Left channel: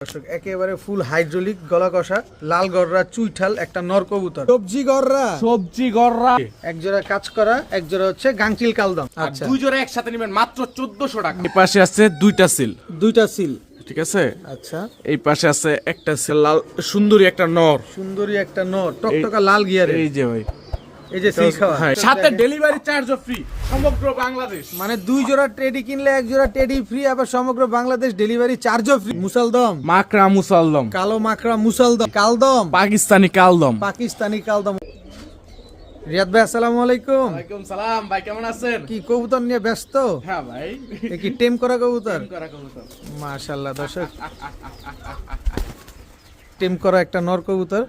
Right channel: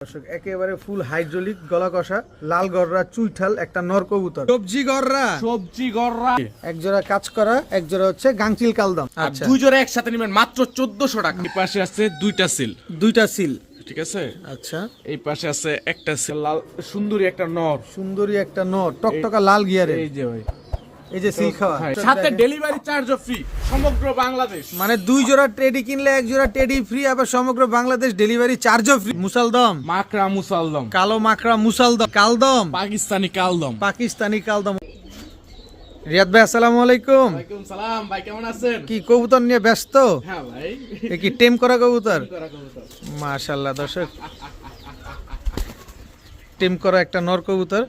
দর্শক একেবারে ফুল হাইড্রোলিক গলা কষা লাল গররা চুইঠাল একটা নর কবুতর। সবজি গররা সবজি গররা এক জোড়া কাজ করা এক জোড়া হচ্ছে গাংচিল কালদম। আচ্ছা। দুই জোড়া একসাথে নেবেন মাত্র চোদ্দশো টাকা। এই পাশে আছে দুইটা সিল। দুইটা সিল। ঠিক আছে? আচ্ছা। এই পাশে আছে একটা সিল লাল সুন্দরী একটা নর। সুন্দরী একটা নর টকটকা লাল গিয়ারে এই যে ভাই। এই যে সিল খাওয়া। সাথে ডেলিভারি চার্জও ফ্রি সমগ্র বাংলাদেশ। মানে দুই জোড়া টেডি কিনলে এক জোড়া টেডি ফ্রি আবার সমগ্র বাংলাদেশ ডেলিভারি চার্জও ফ্রি মুসালদম। মাকড়া মুসালদম। কালো মাকড়া মুসালদম। কালদম। পাকিস্তানি কালদম। পাকিস্তানি কালদম। রিয়াদ ভাই আসসালামু আলাইকুম। ওয়ালাইকুম সালাম ভাই কেমন আছেন? কি কবুতর নিয়ে ব্যস্ত? হ্যাঁ ভাই। কি টেম করা কবুতর? করা কবুতর। মাশাল্লাহ দর্শক। টেম করা একটা নর কবুতর।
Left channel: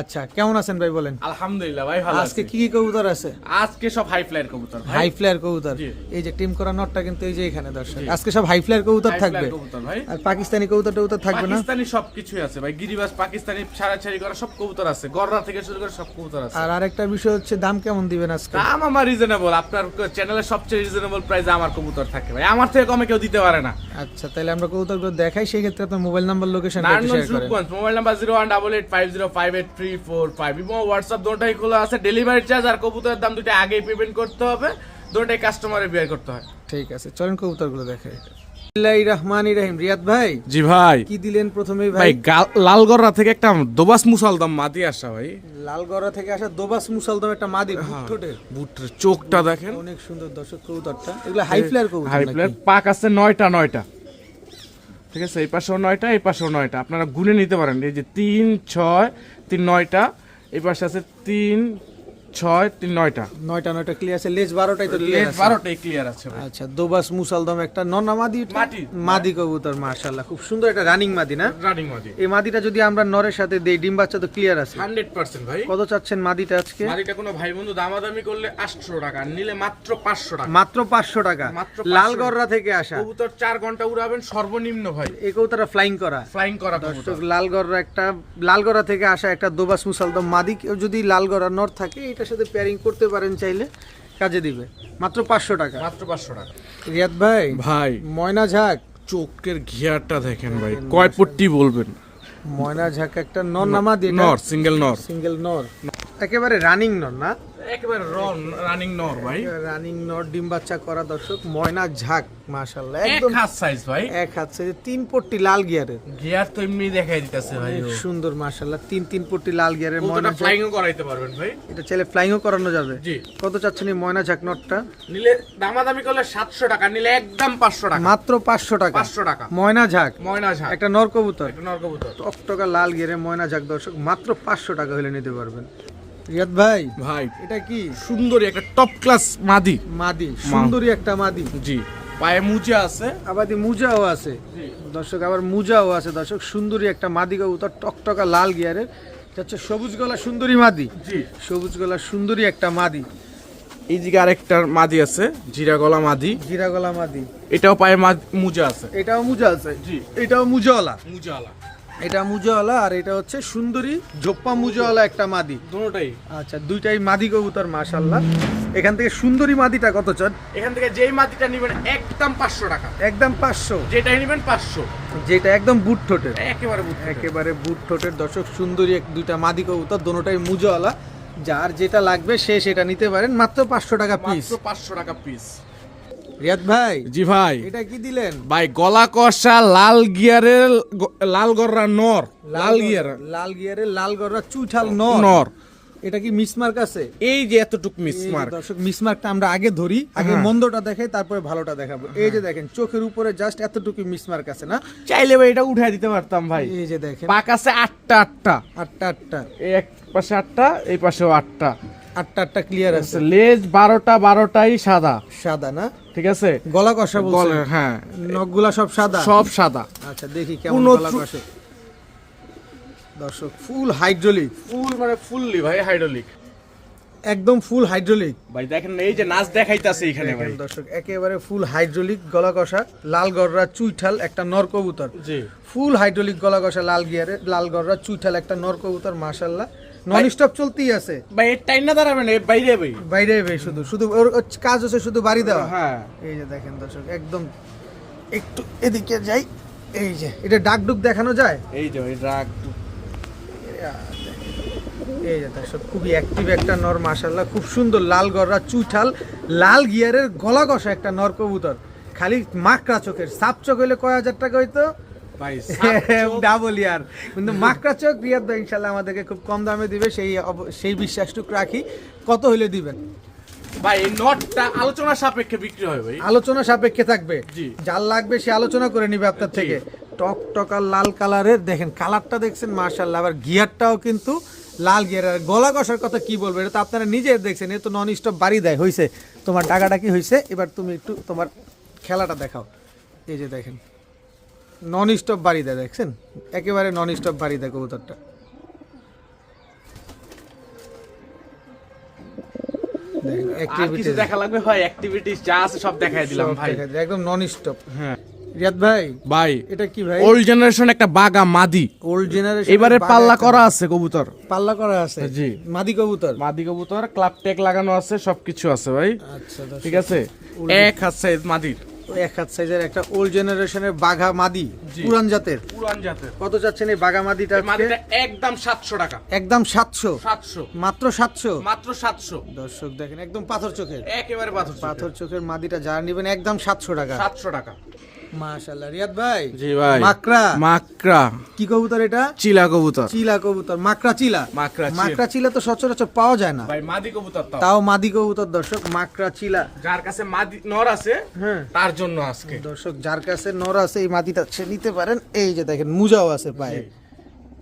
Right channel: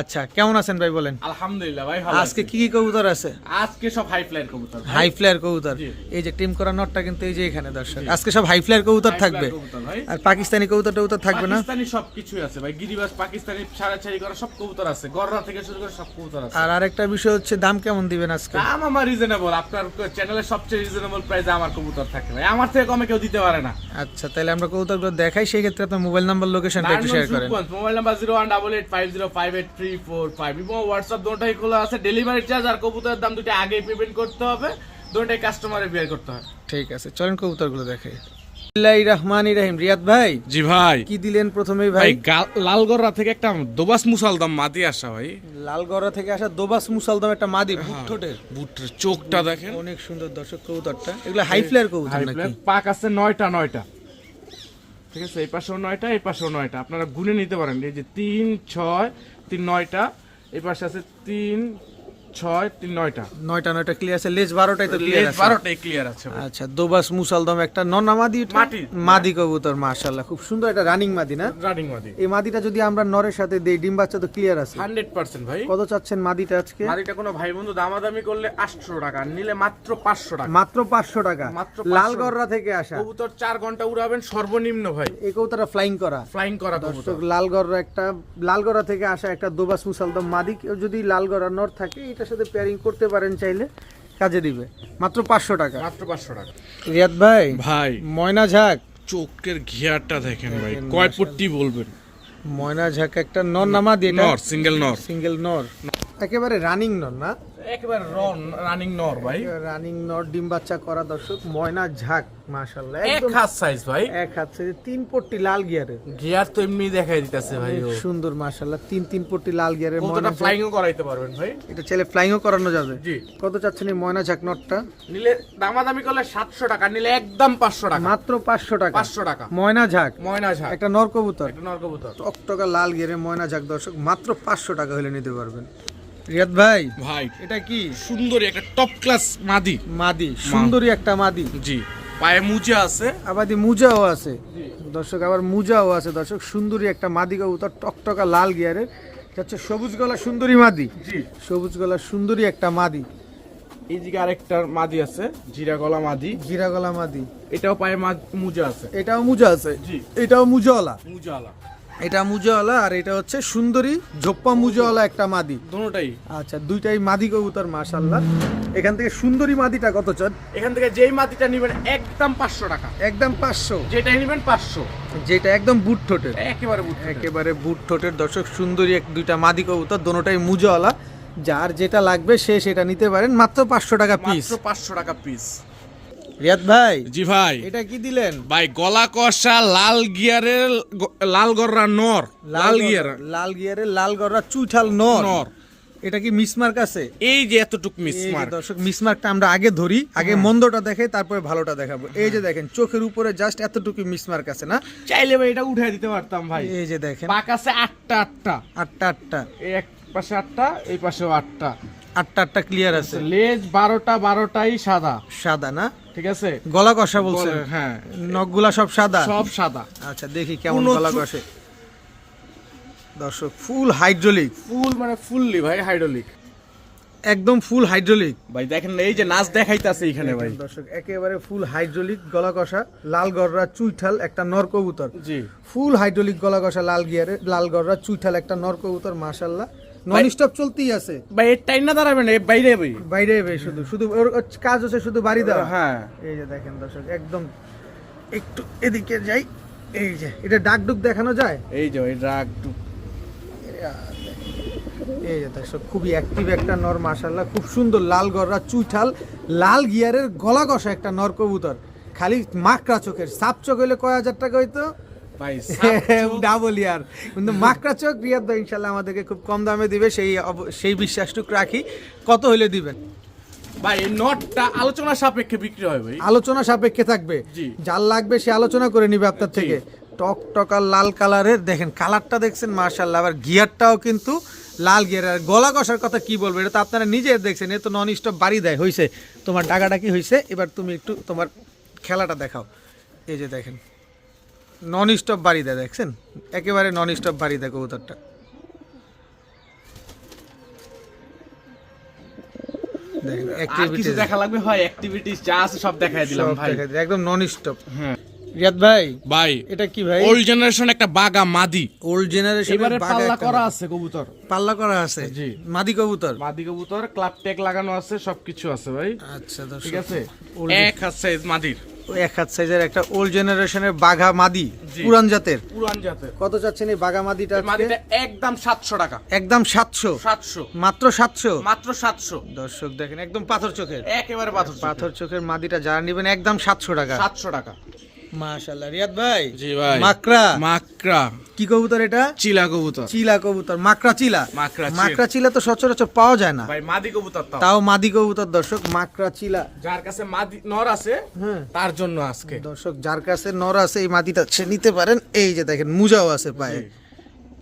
আচ্ছা কেমন আছেন ভাই বলেন? আলহামদুলিল্লাহ ভাই ভালো আজকে কি কি কবুতর আছে? আজকে সব হাই ফ্লাইয়ের কবুতর হাই ফ্লেয়ার কবুতর। এই যে টিম করা নটটা কিন্তু এই যে এখানে দর্শক। আজকে সব হাই ফ্লেয়ার কবুতর থাকবে। আর পাকিস্তানি কবুতর টবুতর থাকবে না? পাকিস্তানি আছে ভাই। গিরিবাজ পাকিস্তানি ছাড়াছাড়ি করা সব কবুতর আছে। গররা থেকে শুরু করে সব কবুতর আছে। আর আরেকটা বিষয় হচ্ছে দাম কেমন দিবেন আজকে? দাম আমার রিজনেবল আপনার চ্যানেলের সবচেয়ে রিজনেবল প্রাইসে আমার কবুতর থাকে ভাই। আমার থেকে কমে কেউ দিতে পারে না। আচ্ছা তাহলে আমরা কবুতরগুলো দেখাই। সেই ক্ষেত্রে আপনার মোবাইল নাম্বার লোকেশনটা একটু শেয়ার করেন। Mobile number zero one double eight five zero five eight three four five. এবং হোয়াটসঅ্যাপ দুটাই খোলা আছে। ডেলিভারি চার্জ আর কবুতরের দাম দুটো আগেই পেমেন্ট করতে হবে। দুটাই কাস্টমারে বিয়ার করতে হয়। ঠিক আছে চলেন কবুতরগুলো দেখাই বিসমিল্লাহির রহমানির রিয়াদ ভাই জি ভাই। কি দিলেন প্রথমেই ভাই? ভাই লালগড়া থেকে একটা দোবাস মুসালদাম মাটি আসা ভাই। লালগড়া থেকে আসা দোবাস মুসালদম একটা মাদি ঠোঁটের। বুটের চোখটা দেখেন। অনেক সুন্দর দর্শক কবুতরটা। এগুলো হাই ফ্লেয়ার কবুতর হাই নাকি? পাক আছে নয়টা নয়টা। ঠিক আছে? এই পাশেও নয়টা, এই পাশেও নয়টা। আপনারা গুনে নিতে পারেন। এই যে তিন, ছয়, তিন, নয়টা, এই পাশে আছে তিন ছয় তিন নয়টা। নয়টা নয়টা ক্লিয়ার আছে। লেজ বারোটাই তো ক্লিয়ার আছে। বারোটাই ক্লিয়ার আছে আচ্ছা দোবাস মুসালদম একটা মাদি এটা? মাদি। মাদি কবুতর মাশাআল্লাহ। খুব সুন্দর একটা রানিং মাদি না? রানিং মাদি। এই মাদিটা যদি আমরা নরের সাথে দেই ডিম বাচ্চা তো ক্লিয়ার আছে। হান্ড্রেড পার্সেন্ট ভাই। কত চাচ্ছেন মাদিটা আজকে? মাদিটা কোনো ভাই বন্ধু দামাদামি করলে আটশো টাকা নিলে মাত্র পাঁচশো টাকা। মাত্র পাঁচশো টাকা। লালগড়রা থেকে আসা। কবুতর চার ঘণ্টা উড়াবেন সর্বনিম্ন ভাই। এই কবুতরটা ফ্লাইং করা। ফ্লাইং করা দর্শক লালগড়রা একটা লালগড়া থেকে আসা একটা দোবাস মুসালদম মাদি। যদি লালগড়া নর থাকে এটার সাথে পেয়ারিং করতে পারেন চাইলে কাজে দিবে। মাত্র পাঁচশো টাকা। মাত্র পাঁচশো টাকা। রিয়াদ ভাই ভাই। ময়না ঝাঁক। চোখের ঘিয়ারটা দেখেন ভাই কয় পট্টি বলবেন? ময়না ঝাঁক একটা নর নামা দিয়ে নর সিঙ্গেল নর। সিঙ্গেল নর। একেবারে রানিং নর না? একেবারে রন রানিং নর ভাই। রানিং নর ডিম বাচ্চা করা দর্শক ময়না ঝাঁক মাশাল্লাহ একদম হাত সাইজ ভাই। এক হাত সাইজে তিন পট্টি লাল গিয়ারের গিয়ার তো এমনি দেখাই দিতেছে ভাই সুন্দর মাশাল্লাহ তিন তিন পট্টি লাল গিয়ারের ময়না ঝাঁক। ফ্লাইং করাইতে পারবেন ভাই? এটা চাইলে ফ্লাইংও করানো যাবে। জি। কত চাচ্ছেন এই ময়না ঝাঁক নটটা নিলে দামাদামি করলে সাতশো টাকা নিলে একদম পাঁচশো টাকা। মাত্র পাঁচশো টাকা। পাঁচশো টাকা। ময়না ঝাঁক। ময়না ঝাঁক। একটা নর কবুতর। একটা নর কবুতর। টকটকা লাল গিয়ারে ময়না ঝাঁক দর্শক মাত্র পাঁচশো টাকা হলে নিতে পারবেন। রিয়াদ ভাই ভাই। এটা কি? সুন্দরী একটা টপ ক্লাস মাদি। মাদি সুন্দরী একটা মাদি। জি। পায়ে মুজা আছে। আবাদি মুজাও আছে। জি। দর্শক আবার মুজাও আছে। দর্শক সুন্দরী একটা মাদি কবুতর টকটকা লাল গিয়ারের। হচ্ছে সবুজ গলা সুন্দরী মাদি। জি। সবুজ গলা সুন্দরী একটা মাদি। এই দিকে আরেকটা মাদি আছে জিরা গলা মাদি। জিরা গলা মাদি। এটাও পায়ে মা- মুজা আছে। এটাও মুজা আছে। জি। এটাও মুজাওয়ালা। মুজাওয়ালা। এটা মুজাওয়ালা আর এটা হচ্ছে সুন্দরী জোপ্পা মুজাওয়ালা একটা মাদি। দুটোটাই আচ্ছা দুইটাই মাদি কবুতর মাশাল্লাহ এখান থেকে সুন্দরী মাদিটা কত চান? এখান থেকে যেই মাদিটা নিবেন একদম পাঁচশো টাকা। একদম পাঁচশো? যেটাই নিবেন পাঁচশো। যেটা একদম বুট ঠোঁটের। একেবারে বুঝতে একেবারে বুট ঠোঁটের। দর্শক সুন্দরী এক দুইটা মাদি কবুতর দোনোটাই মুজাওয়ালা। যার যেটা লাগবে সে সেটা নিতে পারেন। মাত্র পাঁচশো টাকা পিস মাত্র পাঁচশো টাকা পিস রিয়াদ ভাই জি ভাই। এটা কি দিলেন? ভাই গলা কষা লাল গিয়ারের লাল গররা নর। লাল গিয়ার। লাল গিয়ারে লাল গররা চুইঠাল নর। নর। এটা কি মিসমার্ক আছে? এই যে এতটুক মিস এই যে মার দর্শক মিসমার্কটা আমরা আগে ধরি আগে মন্দটা দেখাই তারপরে ভালোটা দেখাবো। এই যে দেখেন চোখের উপরে জাস্ট এতটুকু মিসমার্ক আছে না? চাইলে ভাই এটা উঠাই দিতে পারতাম ভাই। এই যে দেখেন। পাক আছে আটটা আটটা। আটটা আটটা। এই এক পাশে আটটা এই পাশেও আটটা। আটটা আটটা ক্লিয়ার আছে। লেজ বারোটা বারোটাই সাদা। সাদা না? ঠিক আছে? গলা কষা বলছে। হ্যাঁ। নখগুলা সব সাদা? সব সাদা। আচ্ছা দেখি কেমন গলা কষে। দর্শক ফুল হাইড্রোলিক ফুল মানে ফুললি ভাই হাইড্রোলিক একদম ফুল হাইড্রোলিক ভাই দেখেন এই যে নাচ দেখাইতাছে এখানে ভাই। দর্শক একেবারে ফুল হাইড্রোলিক গলা কষা লাল গররা চুইঠাল একটা নর কবুতর। জি। ফুল হাইড্রোলিক গলা কষা লাল গিয়ারে লাল গররা চুইঠাল একটা নর কবুতর মাশাল্লাহ নন স্টপ চলতেই আছে। ভাই এই টাইম না দাঁড়াবেন এই বাইরে ভাই বাইরে ভাই শুধু শুধু ওর কাজ হচ্ছে শুধু বাড়ি দেওয়া। হ্যাঁ। এই যে দেখেন দর্শক একদম একটু এদিকে যাই এই যে এটা ডাক ডুক দেখানো যায়? এই যে এই রাগ এই যে দর্শক খুবই অ্যাক্টিভ একটা নর মাশাল্লাহ খুব সুন্দর লাল গররা চুঠাল লাল গিয়ারের গলা কষা একটা নর কবুতর। খালি মাকড়া চোখের সাপ চোখ হইলে কয় হাজার টাকা হইতো? ডাবল ইয়ার কিন্তু মাকড়া চোখ রিয়াদ ভাই ইনশাল্লাহ আমাদেরকে খুব কম দামে দিবে সেই সেই বিশ্বাসটুকু রাখি। কত হইলে দিবেন? ভাই নটটা আলোচনা সাপেক্ষে বিক্রি ভাই। আলোচনা সাপেক্ষে থাকবে? যার লাগবে সে আলোচনা করে নিবে আপনার থেকে। টক টকার লাল কালারের দেখেন কালারটা দেখছেন মার্শাল্লাহ আবার গিয়ারটাও কিন্তু লাল গিয়ার। আর গলা কষার কথা কি বলব এটা তো আপনারা নিজের দেখছেন এ তো নন স্টপ বাড়ি দেয় হয়েছে তোমার ডাকাটা কি হয়েছে এবার তুমি একটু তোমার খেলাটা দেখাও। এই যে দেখেন। নন স্টপ বাড়ি দেয় দেখছেন? একেবারে নন স্টপ বাড়ি দেয় কবুতরটা। দেখেন আর কিছু অ্যাক্টিভিটি দেখা লাগবে? ভাই অ্যাক্টিভিটিস যা আছে সব দেখাই দিলাম ভাই। একদম নন স্টপ হ্যাঁ। রিয়াদ ভাই ভাই এটা কি ভাই? ওল্ড জেনারেশন একটা বাগা মাদি। ওল্ড জেনারেশন এবারে পাল্লা করা আছে কবুতর। পাল্লা করা আছে? জি। মাদি কবুতর? মাদি কবুতর ক্লাব টেক লাগানো আছে সবকিছু আছে ভাই। আচ্ছা ঠিক আছে? এক সাইজ মাদির। এক হাত সাইজের একটা ওল্ড জেনারেশনের বাঘা মাদি পুরান জাতের। পুরান জাতের। কত চাচ্ছেন এই বাঘা মাদিটা একদম সাতশো টাকা। একদম সাতশো। সাতশো। মাত্র সাতশো? মাত্র সাতশো। দর্শক দেখেন একদম পাথর চোখের। একেবারে পাথর পাথর চোখের মাদিটা যারা নেবেন একদম সাতশো টাকা। সাতশো টাকা। মাশাল্লাহ রিয়াদ ভাই? জি ভাই। মাকড়া? মাকড়া। কি কবুতর এটা? চিলা কবুতর। চিলা কবুতর। মাকড়া চিলা? মাকড়া মাকড়া চিলা তো সচরাচর পাওয়া যায় না। ভাই মাদি কবুতর তাও মাদি কবুতর দর্শক মাকড়া চিলা। যার কাছে মাদি নর আছে হ্যাঁ। তার জন্য আজকে। দর্শক যার কাছে নর আছে এই মাটিটা সে নিতে পারেন। এই যে দেখেন মুজাও আছে পায়ে।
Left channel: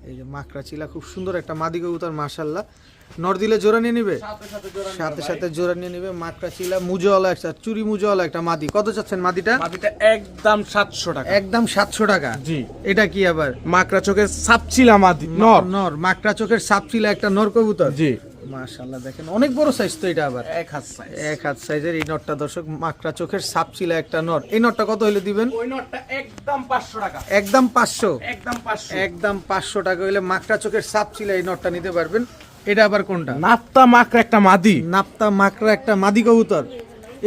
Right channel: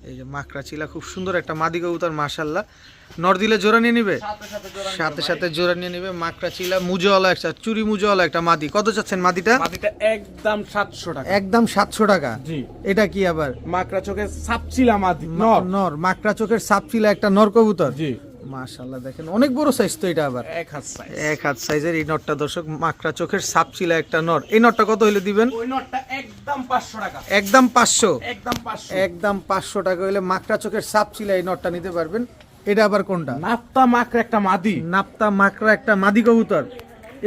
এই যে মাকড়া চিলা খুব সুন্দর একটা মাদি কবুতর মাশাল্লাহ নর দিলে জোড়া নিয়ে নিবে? সাথে সাথে জোড়া নিয়ে নিবে। মাকড়া চিলা মুজাওয়ালা একটা চুরি মুজাওয়ালা একটা মাদি। কত চাচ্ছেন মাদিটা? মাদিটা একদম সাতশো টাকা। একদম সাতশো টাকা? জি। এটা কি আবার? মাকড়া চোখে সাপচিলা মাদি নর। নর। মাকড়া চোখের সাপ চিলা একটা নর কবুতর? জি। মাশাল্লাহ দেখেন অনেক বড় সাইজ তো এটা আবার। এক হাত সাইজ এক হাত সাইজের এই নরটা দর্শক মাকড়া চোখের সাপ চিলা একটা নর। এই নরটা কত হলে দিবেন? ওই নটটা একদম পাঁচশো টাকা। একদম পাঁচশো? একদম পাঁচশো। একদম পাঁচশো টাকা হলে মাকড়া চোখের সাপ চিলা এই নটটা নিতে পারবেন। এটা আবার কোনটা? নাপ্তা মাকড়া একটা মাদি। নাপ্তা মাকড়া একটা মাদি কবুতর।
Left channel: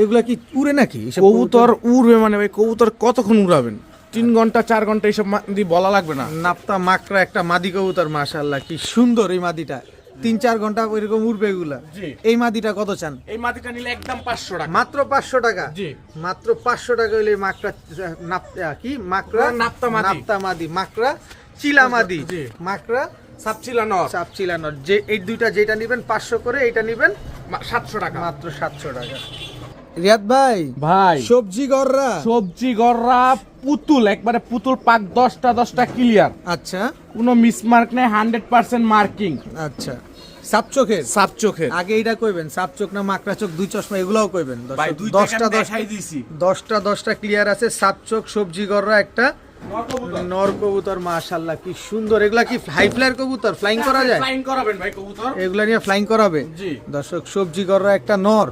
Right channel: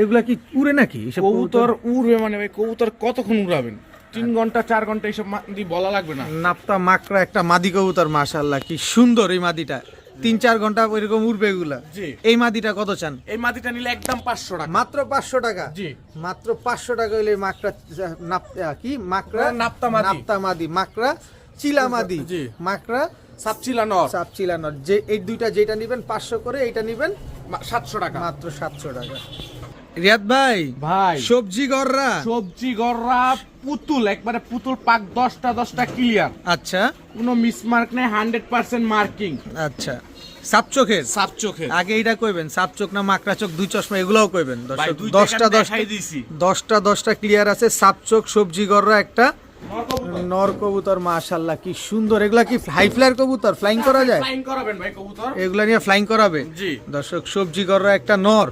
এগুলা কি উড়ে নাকি? কবুতর? উড়বে মানে ভাই কবুতর কতক্ষণ উড়াবেন? তিন ঘণ্টা চার ঘণ্টা এইসব মাদি বলা লাগবে না। নাপ্তা মাকড়া একটা মাদি কবুতর মাশাল্লাহ কি সুন্দর এই মাদিটা। তিন চার ঘণ্টা ওইরকম উড়বে এগুলা। এই মাদিটা কত চান? এই মাদিটা নিলে একদম পাঁচশো টাকা। মাত্র পাঁচশো টাকা? জি। মাত্র পাঁচশো টাকা হইলে মাকড়া নাপ্তা কি? মাকড়া? নাপ্তা মাদি। নাপ্তা মাদি মাকড়া চিলা মাদি। মাকড়া সাপচিলা নর চাপ চিলা নট। যে এই দুইটা যেটা নিবেন পাঁচশো করে এইটা নিবেন সাতশো টাকা। মাত্র সাতশো টাকা। রিয়াদ ভাই ভাই। সবজি গররা? সবজি গররা পুতুল একবারে পুতুল পাক দশটা দশটা ক্লিয়ার আচ্ছা। কোনো মিসমার্ক নেই হান্ড্রেড পার্সেন্ট মার্কিং আচ্ছা। সাপ চোখের সাপ চোখে আগে এইটা কইবেন সাপ চোখ না মাকড়া চোখ দুই চশমা এগুলাও কইবেন। দশটা দশটা দশটা ক্লিয়ার আছে সাপচোখ সবজি গররা একটা। নর কবুতর মাশাল্লাহ কি সুন্দর। এগুলা কি হাই ফ্লায়ার কবুতর? ফ্লাইং করা যায়? ফ্লাইং করাবেন ভাই কবুতর। এগুলা নিয়ে ফ্লাইং করাবে? জি। দর্শক সবজি গররা একটা নর।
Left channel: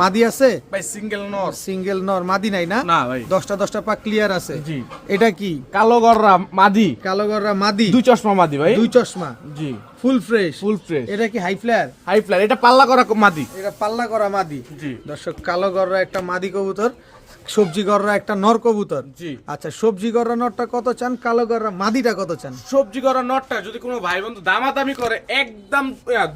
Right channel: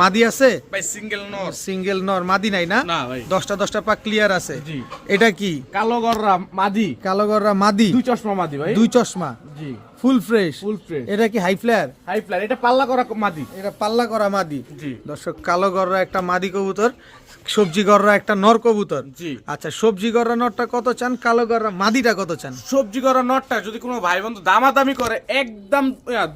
মাদি আছে? ভাই সিঙ্গেল নর। সিঙ্গেল নর মাদি নাই না? না ভাই। দশটা দশটা পাক ক্লিয়ার আছে। জি। এটা কি? কালো গররা মাদি। কালো গররা মাদি। দুই চশমা মাদি ভাই। দুই চশমা। জি। ফুল ফ্রেশ ফুল ফ্রেশ এটা কি হাই ফ্লায়ার হাই ফ্লার এটা পাল্লা করা মাদি। এটা পাল্লা করা মাদি। জি। দর্শক কালো গররা একটা মাদি কবুতর। সবজি গররা একটা নর কবুতর। জি। আচ্ছা সবজি গররা নরটা কত চান? কালো গররা মাদিটা কত চান? সবজি করা নটটা যদি কোনো ভাই বন্ধু দামাদামি করে একদম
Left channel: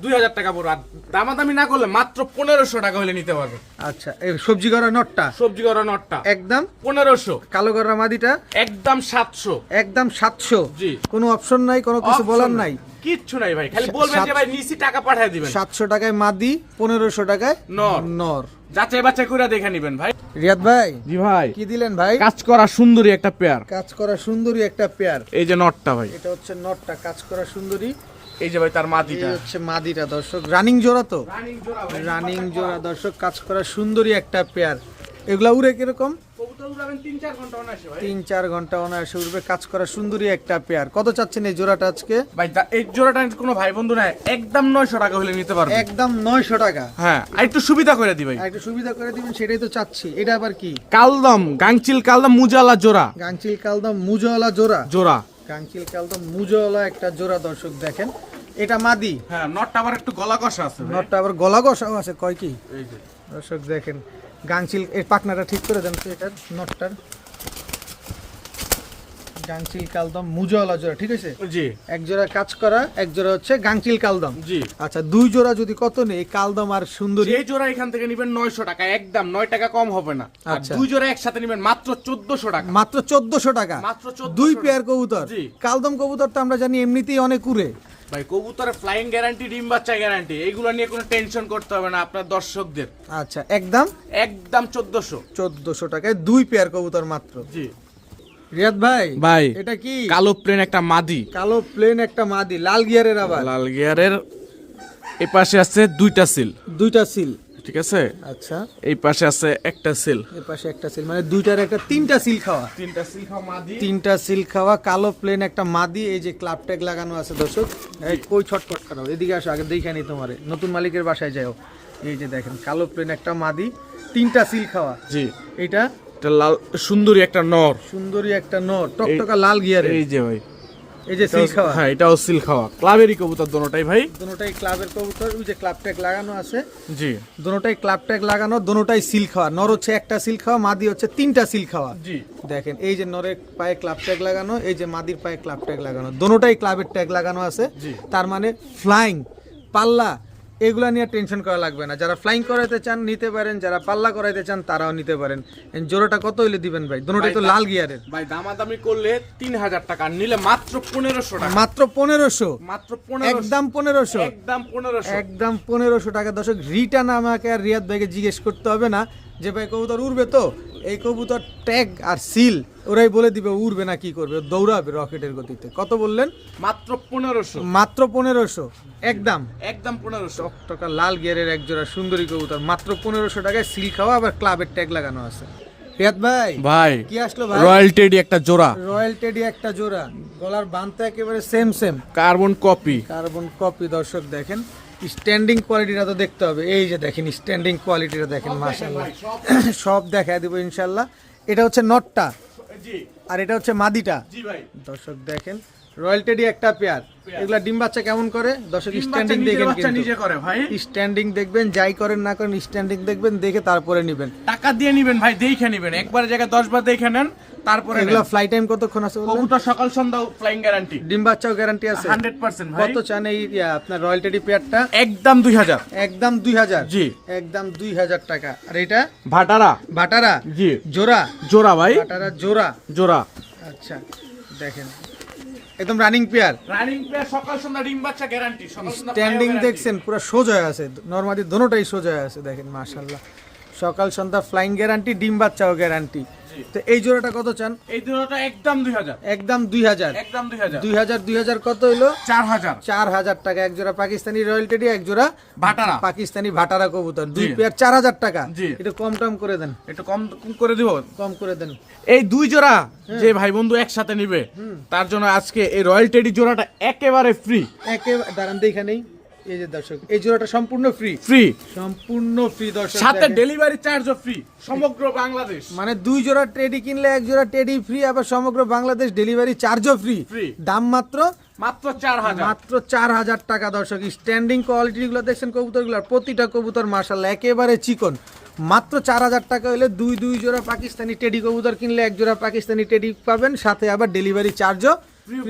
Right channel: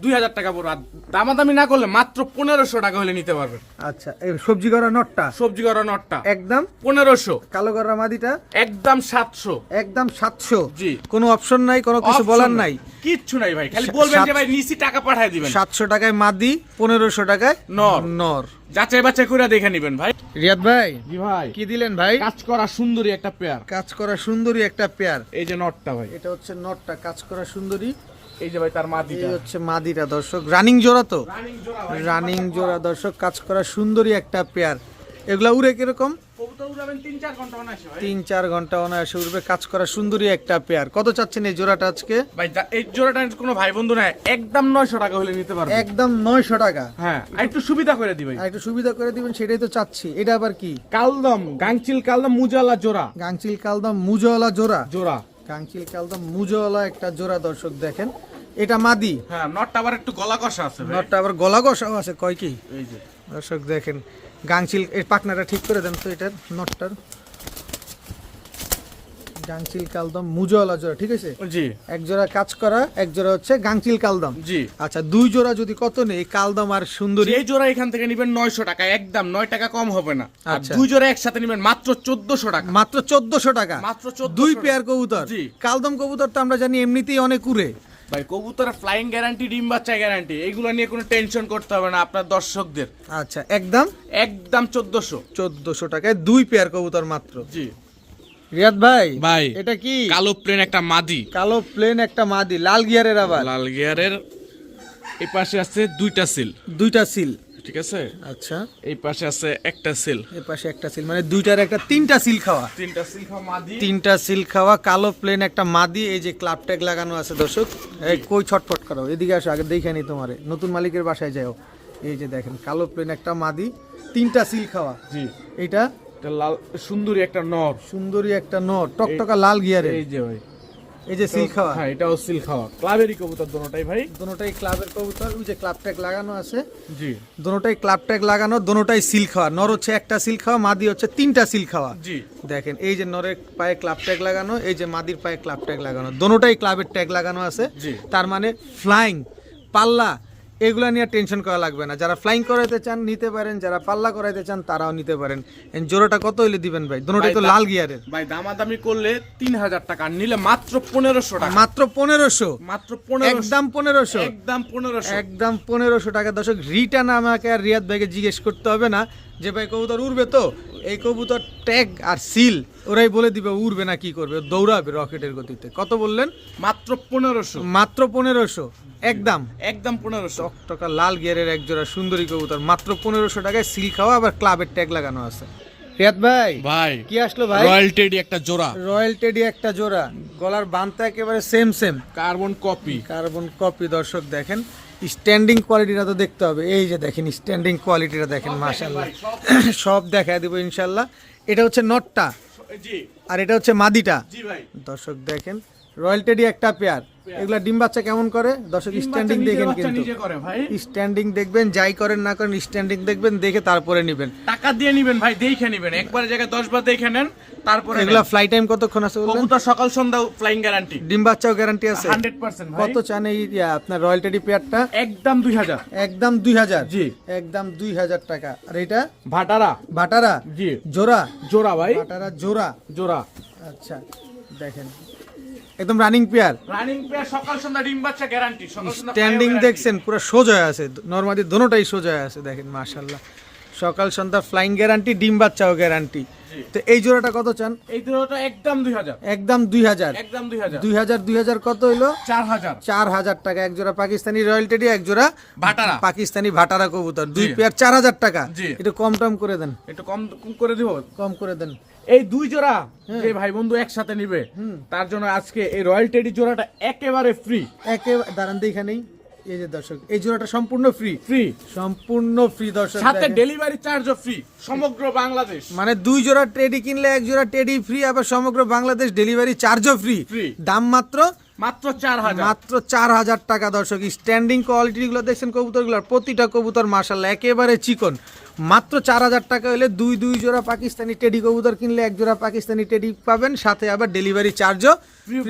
দুই হাজার টাকা পুরো। দামাদামি না করলে মাত্র পনেরোশো টাকা হলে নিতে পারবে। আচ্ছা এই সবজি গররা নরটা? সবজি করা নটটা একদম? পনেরোশো। কালো গররা মাদিটা? একদম সাতশো। একদম সাতশো। জি। কোনো অপশন নাই কোনো কিছু বলার নাই। কিচ্ছু নাই ভাই খালি বলবেন যে ভাই নিচি টাকা পাঠিয়ে দিবেন। সাতশো টাকায় মাদি পনেরোশো টাকায় নর। নর। যাচাই বাছাই করে দেখে নিবেন ভাই। রিয়াদ ভাই জি ভাই। কি দিলেন ভাই? কাজ করা সুন্দরী একটা পেয়ার। কাজ করা সুন্দরী একটা পেয়ার। এই যে নটটা ভাই। এটা হচ্ছে নটটা কাজ করা সুন্দরী। এই যে ভাই তার মাদিটা। হচ্ছে মাদিটা দর্শক। রানিং জোড়া তো? রানিং জোড়া রানিং জোড়া দর্শক। কাজ করা সুন্দরী একটা পেয়ার। এগুলা উড়ে কীরকম? তিন চার ঘণ্টা অনায়াসে ভাই। তিন চার ঘণ্টা অনায়াসে উড়বে। কাজ করা সুন্দরী একটা পেয়ার কত চাচ্ছেন এই জোড়াটা আজকে? ভাই এই জোড়াটা কোনো ভাই বন্ধু নাই। একদম নয়শো টাকা হলে নিতে পারবে। একদম নয়শো টাকা। হ্যাঁ একটু সুবিধা করে দি একটু সুবিধা করে দিবেন সেটাই তো চাচ্ছি। এটা আবার কি? কালদম গাংচিল কালদম মুজালা জোড়া। গাংচিল কালদম মুজওয়ালা জোড়া। জোড়া। গাংচিল কালদম মুজওয়ালা একটা জোড়া দর্শক দেখেন। এটা মাদি। হ্যাঁ নটটা আবার একটু গলা কষা আছে নটটা আবার গলা কষাও আছে কয় কি? এই যে। দর্শক দেখেন গাংচিল এর পাকনাটা ঠিক করে দেন তো এটার নটটার। গাংচিল কালদম মুজওয়ালা জোড়া ঠিক আছে? জি। এক জোড়া কাজ করা এক জোড়া হচ্ছে গাংচিল কালদম। জি। আচ্ছা দুই জোড়া যদি কত নেই কালদম আর সুন্দরী? এই জোড়া এখান থেকে নেবেন নয়শো টাকা একদম নয় টাকা কম হবে না। আচ্ছা। দুই জোড়া একসাথে নেবেন মাত্র চোদ্দশো টাকা। মাত্র চোদ্দশো টাকা। মাত্র 1400 দুই পেয়ার কবুতর। কালদম কবুতর তো আমরা জানি এমনিতেই অনেক উড়ে। ভাই কবুতর ফ্লাইং গ্যারান্টি ডিম বাচ্চা গ্যারান্টি এগুলো নিয়ে কোনো টেনশন করতে হবে না আপনার দর্শকদের। আচ্ছা একদম? একদম চোদ্দশো। চোদ্দশো টাকায় দুই পেয়ার কবুতর মাত্র। জি। রিয়াদ ভাই ভাই এটা কি? কালো প্লেন একটা মাদি। কালো প্লেন একটা মাদি লাল গিয়ারের আবার। লাল গিয়ারের এপাশে পাশে আছে দুইটা সিল দুইটা সিল ঠিক আছে? আচ্ছা। এই পাশে আছে একটা সিল। এর পাশে একটা সিল মানে দুইটার একটা তিনটা সিল খাওয়া। তিনটা সিল খাওয়া মাদি। তিনটা সিল খাওয়া কালো প্লেন একটা মাদি এই যে ক্লাব ট্যাগ লাগানো আছে দর্শক এই কই ছটফট করো? এদিকে আসো আগে দেখে নি তোমারে। নতুন মালিকের বাসায় যাও। এই যে দেখেন কালো প্লেন একটা মাদি তিনটা সিল খাওয়া। জি। এটা লাল সুন্দরী একটা নর। সুন্দরী একটা নো টকটকা লাল গিয়ারে এই যে ভাই। এই যে সিল খাওয়া। হ্যাঁ এটাও সিল খাওয়া। ক্লাবেরই কবুতর দোনোটাই ভাই? দোনোটাই ক্লাবের কবুতর ওই যে ক্লাব ট্যাগ লাগানো আছে। জি। দোনোটাই ক্লাব ট্যাগ লাগানো দোনোটাই সিল খাওয়া। নর হচ্ছে একটা সিল খাওয়া মাদি হচ্ছে তিনটা সিল খাওয়া। জি। দেখেন এই যে নরের পায়ে ক্লাব ট্যাগ লাগানো এই যে মাদির পায়ে ক্লাব ট্যাগ লাগানো। দোনোটাই ক্লাবের ট্যাগ লাগানো আছে। তার মানে ফ্লাইং পাল্লা এগুলা নিয়ে টেনশন করা লাগবে না। যারা ফ্লাইং করাইতে চান নিতে পারেন। যারা পাল্লা করাইতে চান তারাও নিতে পারেন। জোড়াটা কত হইলে দিবেন ভাই? দোনোটাই তো লাল গিয়ারের। ভাই দামাদামি করলে তিন হাজার টাকা নিলে মাত্র পনেরোশো টাকা। মাত্র পনেরোশো? মাত্র একদম পনেরোশো? একদম পনেরোশো। একদম পনেরোশো টাকা। দর্শক রিটার্ন আমাকে আর রিয়াদ ভাইকে জিজ্ঞেস করতে হবে না। যে ভাই কবুতর উড়বে তো? এই কবুতর ট্যাগ আর সিল ওরাই বলে দিবে উড়বে না কি করবে? দৌড়াবে রকেটের গতিতে। কত বললেন? মাত্র পনেরোশো। মাত্র পনেরোশো। একদম। একদম পনেরোশো। টকটকা লাল গিয়ারের এক জোড়া সুন্দরী কবুতর। মাত্র পনেরোশো টাকায় সিল খাওয়া আবার ক্লাবের ট্যাগ লাগানো আছে। রিয়াদ ভাই ভাই কি আসলো ভাই? রয়্যাল টেডি একটা জোড়া। রয়্যাল টেডি একটা জোড়া। গলার বানতে একেবারে same same carbon copy. Carbon copy দর্শক দেখেন স্ট্যান্ডিং কোয়ালিটিটা তো দেখতে হবে। এই যে দেখেন স্ট্যান্ডিং কোয়ালিটিটা দেখেন মাশাল্লাহ সব দেখায় দেবো ইনশাল্লাহ এটা হচ্ছে নটটা। আর এটা হচ্ছে মাদিটা। দর্শক দেখেন রয়্যাল টেডি একটা পেয়ার। এগুলা ডিম বাচ্চা কেমন করে? দর্শক স্ট্যান্ডিং দেখবেন বাচ্চা কিন্তু। করে ভাই। স্ট্যান্ডিং দেখবেন যাই করেন না করেন স্ট্যান্ডিং দেখবেন দেখে তারপরে নেবেন। টাকা দিয়ে নিবেন ভাই দেখে নিবেন। একবার জায়গায় দশ বার দেখে নেন তারপরে এগুলা ফ্লাই টাইম কতক্ষণ আছে কবুতর সকাল সন্ধ্যা ফ্লাইং গ্যারান্টি ডিম বাচ্চাও গ্যারান্টি আছে। হান্ড্রেড পার্সেন্ট ভাই। কত চান এই আপনার রয়্যাল টেডি পেয়ারটা একদম দুই হাজার। একদম দুই হাজার? জি। একদম দুই হাজার টাকা। আর এটা? ভাটারা। বাটারা জি। জোড়া? জোড়া ভাই। বাটারা জোড়া? জোড়া। আচ্ছা দেখেন। একদম রানিং পেয়ার রানিং প্লেয়ার সকাল সন্ধ্যা ডিম বাচ্চা গ্যারান্টি সকাল সন্ধ্যা স্ট্যান্ডিং দেখছেন পুরো সোজা আছে। নর্মালি দোনোটাই সোজা আছে দেখেন মাশাল্লাহ সকাল সন্ধ্যা ফ্লাইং গ্যারান্টি ডিম বাচ্চাও গ্যারান্টি তো এই জোড়াটা কত চান? এই দুটোটা একদম দুই হাজার। একদম দুই হাজার। একদম দুই হাজার। দুই হাজার দুই হাজার কত হইল? চার হাজার। চার হাজার টাকা। এক জোড়া পাকিস্তানি রয়্যাল টেডি এক জোড়া ভাটারা। পাকিস্তানি ভাটারা কবুতর। দুই। পেয়ার চার হাজার টাকা। একটু কম টম করে দেন। একটু কম করে দিব? কম করে দেন। এই দুই জোড়া যে ভাই বন্ধু একসাথে নিবে তার জন্য আজকে এই রয়্যাল টেডি জোড়াটা একেবারে ফ্রি একে দাঁড়ান তো এখানেই এই যে দর্শক এই জোড়াটা সম্পূর্ণ ফ্রি ফ্রি সম্পূর্ণ ফ্রি দর্শক সাথে। ডেলিভারি চার্জও ফ্রি সমগ্র বাংলাদেশ। মানে দুই জোড়া টেডি কিনলে এক জোড়া টেডি ফ্রি আবার সমগ্র বাংলাদেশ ডেলিভারি চার্জও ফ্রি দাম মাত্র মাত্র চার হাজার। মাত্র চার হাজার টাকা দর্শক। স্ট্যান্ডিং কোয়ালিটি গুলো দেখছেন কবুতরগুলোর প্রতিটা কবুতর মার্শাল্লাহ একেবারে চিকন। মাত্র চার হাজার টাকা হলে দুই দুই জোড়া পাকিস্তানি টেডি কবুতর কিনলে এক জোড়া পাকিস্তানি টেডি পাবেন সাথে আবার ডেলিভারি চার্জও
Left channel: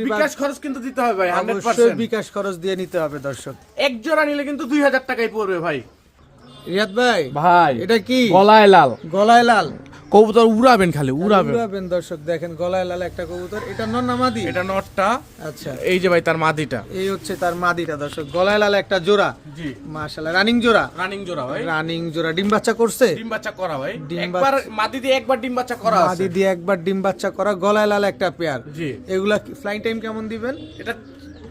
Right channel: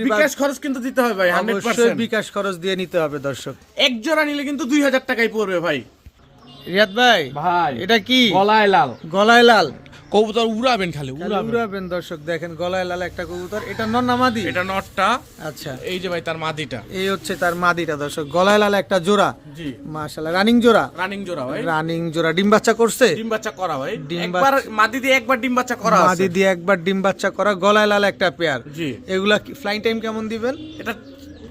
বিকাশ খরচ কিন্তু দিতে হবে ভাই অবশ্যই বিকাশ খরচ দিয়ে নিতে হবে দর্শক। এক জোড়া নিলে কিন্তু দুই হাজার টাকাই পড়বে ভাই। রিয়াদ ভাই ভাই এটা কি? গলায় লাল। গলায় লাল। কবুতর উড়াবেন খালি উড়াবেন। উড়াবেন দর্শক দেখেন গলায় লাল একটা কবুতর। এটা নন্নামাদি এটা নটটা আচ্ছা। এই যে ভাই তার মাদিটা। এই হচ্ছে তার মাদিটা দর্শক। গলায় লাল একটা জোড়া। জি। মাশাল্লাহ রানিং জোড়া। রানিং জোড়া ভাই। রানিং জোড়া। ডিম বাচ্চা করছে? ডিম বাচ্চা করা ভাই। একবার মাদি দিয়ে একবার ডিম বাচ্চা করা মাদি দিয়ে একবার ডিম বাচ্চা করা গলায় লাল একটা পেয়ার। জি। এগুলা ফ্লাইং টাইম কেমন দিবেন? এটা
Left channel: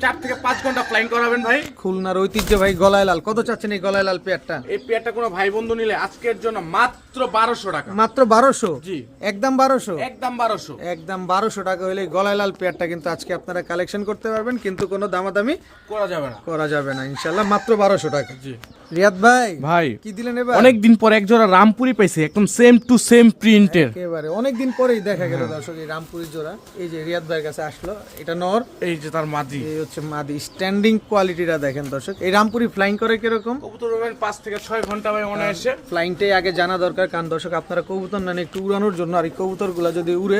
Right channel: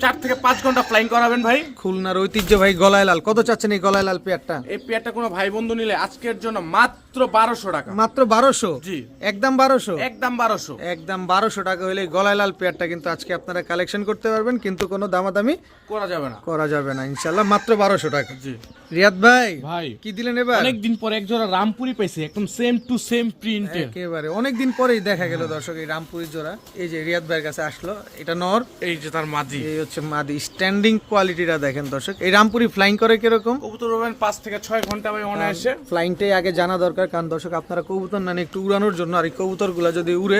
চার থেকে পাঁচ ঘণ্টা ফ্লাইং করাবেন ভাই। খুলনার ঐতিহ্য ভাই গলায় লাল। কত চাচ্ছেন এই গলায় লাল পেয়ারটা? এই পেয়ারটা কোনো ভাই বন্ধু নিলে আজকের জন্য মাত্র বারোশো টাকা। মাত্র বারোশো? জি। একদম বারোশো? একদম বারোশো। একদম বারোশো টাকা হলে গলায় লাল পেয়ারটা কিন্তু আজকে আপনারা কালেকশন করতে পারবেন কিন্তু কোনো দামাদামি করা যাবে না। করা যাবে না ইনশাল্লাহ মাত্র বারোশো টাকা। জি। রিয়াদ ভাই ভাই কি দিলেন এবার? অনেক দিন পর এক জোড়া রামপুরি পাইছি একদম সেম টু সেম প্রিন্টের একেবারে অনেকদিন পরেই দেখা গেল দর্শক এই রামপুরি জোড়া। এই যে রিয়াদ ভাইয়ের কাছে আসলো এটা নর। এই যে তার এই হচ্ছে মাদি। স্ট্যান্ডিং কোয়ালিটিটা দেখেন দর্শক। এই রামপুরি ফ্লাইং করে কীরকম? কবুতর উড়াবেন পাঁচ থেকে ছয় ঘণ্টা ভাই অনায়াসে ফ্লাইংটাই আগে জানা দরকার কারণ দর্শক আপনারা কবুতর নেন একটু উড়ানোর জন্য আর এই কবুতরগুলো যদি উড়ে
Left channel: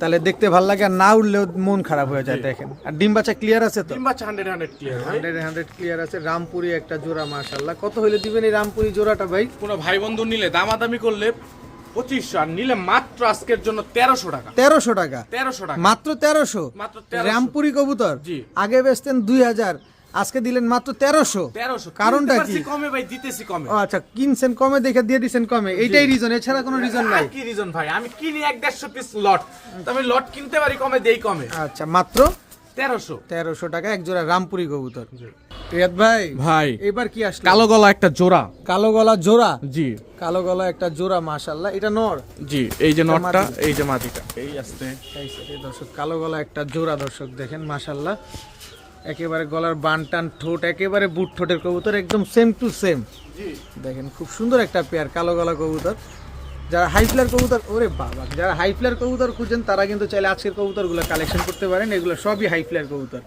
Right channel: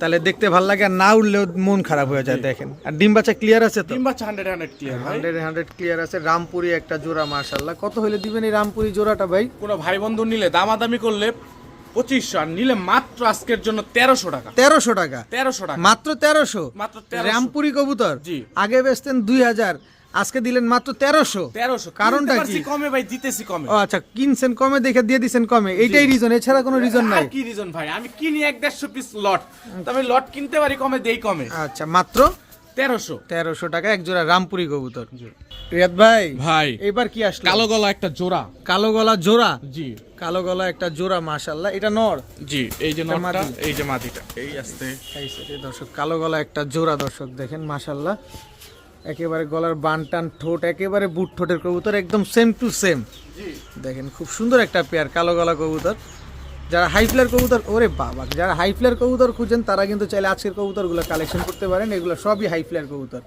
তাহলে দেখতে ভালো লাগে আর না উঠলেও মন খারাপ হয়ে যায় দেখেন। আর ডিম বাচ্চা ক্লিয়ার আছে তো? ডিম বাচ্চা হান্ড্রেড হান্ড্রেড ক্লিয়ার ভাই। হান্ড্রেড হান্ড্রেড ক্লিয়ার আছে। রামপুরি একটা জোড়া মার্শাল্লাহ কত হলে দিবেন এই রামপুরি জোড়াটা ভাই? কোনো ভাই বন্ধু নিলে দামাদামি করলে পঁচিশশো আর নিলে মাত্র আজকের জন্য তেরোশো টাকা। তেরোশো টাকা। তেরোশো টাকা। মাত্র তেরোশো? রামপুরি কবুতর? আগে বেচতেন দুই হাজার আজকে দিলেন মাত্র তেরোশো। কারণটা কি? কমে ভাই দিতেছি কমে। ও আচ্ছা কিনছেন কমে দেখে দিয়ে দিছেন কমে। এইটাই রিজন এছাড়া কোনো রিজন নাই? কি রিজন ভাই? আমি কিনি এক দেড়শো পিস লট আমি লট কিনতে পারি কমে দেই কমে। আচ্ছা মাত্র তেরোশো। তেরোশো টাকা এক জোড়া রামপুরি কবুতর। রিয়াদ ভাই ভাই এবার কি আসলো? কালো গলা একটা জোড়া। কালো গলা জোড়া? জি। কালো গলা একটা জোড়া মাশাল্লাহ এটা নর? জি এই যে এই যে মাদিটা এই আসতে। এই দর্শক কালো গলা একটা জোড়া দর্শক দেখেন মাশাল্লাহ একেবারে গলার বান টান ঠোঁট একেবারে বুট ঠোঁটের কবুতর একদম সেম টু সেম দেখেন খুব সুন্দর একটা পেয়ার কালো গলা কবুতর। যারা হাই ফ্লার কবুতর ওরে বাবা যারা হাই ফ্লার কবুতর খুঁজেন তারা কিন্তু চাইলে আজকের কবুতরগুলো কালেকশন করতে পারেন। এগুলো সবই হাই ফ্লার কবুতর।